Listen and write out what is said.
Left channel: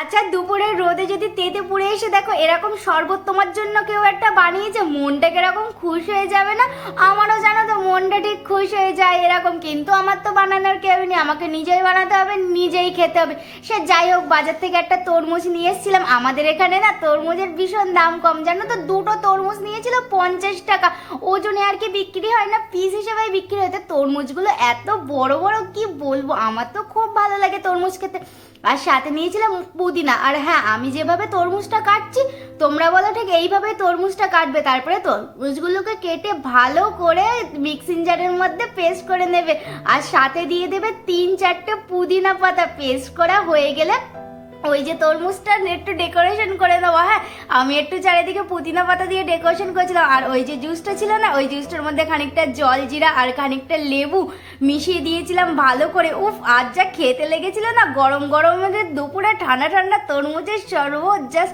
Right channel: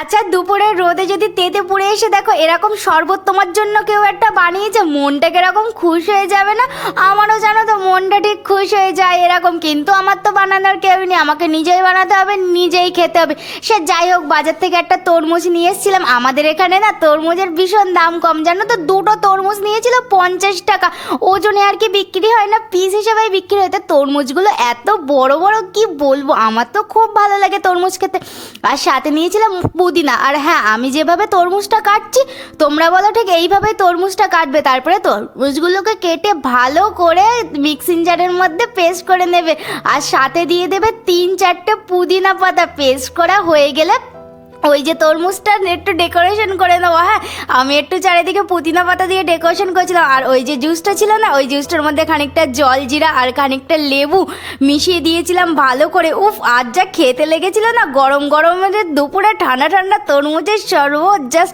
আচ্ছা, দুপুরের রোদে যদি তেতে পুড়ে এসে দেখো এরকম শরবত তোমার জন্য কেউ একটা বানিয়েছে, মনটা কিরকম খুশ হয়ে যাবে না? আমারও জানো তো মনটা ঠিক খুশ হয়ে যায় এরকম। কিন্তু আমার তো বানানোর কেউ নেই, আমাকে নিজেই বানাতে হবে, নিজেই খেতে হবে। সে যাই হোক, বাজার থেকে একটা তরমুজ নিয়ে এসেছিলাম। আমাদের এখানে না তরমুজের ভীষণ দাম কম, জানো তো। দুটো তরমুজ নিয়েছিল 50 টাকা। ওজনে আর কি বিক্রি হয় না, পিস হিসেবে বিক্রি হয়। তো তরমুজগুলো এত বড় বড়, কি বলবো, আমার তো খুব ভালো লাগে তরমুজ খেতে। আর সাথে নিয়েছিলাম পুদিনা। আর হ্যাঁ, আমি যেভাবে তরমুজটা কাটছি, তোমরা বলো ঠিক এইভাবে তরমুজটা কাটবে। তারপরে তরমুজগুলোকে কেটে ভালো করে মিক্সিং জারের মধ্যে পেস্ট করে নেবে। আর সাথে দিয়ে দেবে 3-4টে পুদিনা পাতা। পেস্ট করা হয়ে গেলে ওই যে তরমুজটা একটু ডেকোরেশন করে নেবো। হ্যাঁ, আমি একটু চারিদিকে পুদিনা পাতা দিয়ে ডেকোরেশন করেছিলাম। আর ওই যে জুসটা ছিল না, ওই জুসটার মধ্যে খানিকটা জল জিরা আর খানিকটা লেবু মিশিয়ে দিয়েছিলাম ভালো করে। উফ, আর যা খেতে লেগেছিল না, গরম গরমের দুপুরে ঠান্ডা ঠান্ডা তরমুজের শরবত, জাস্ট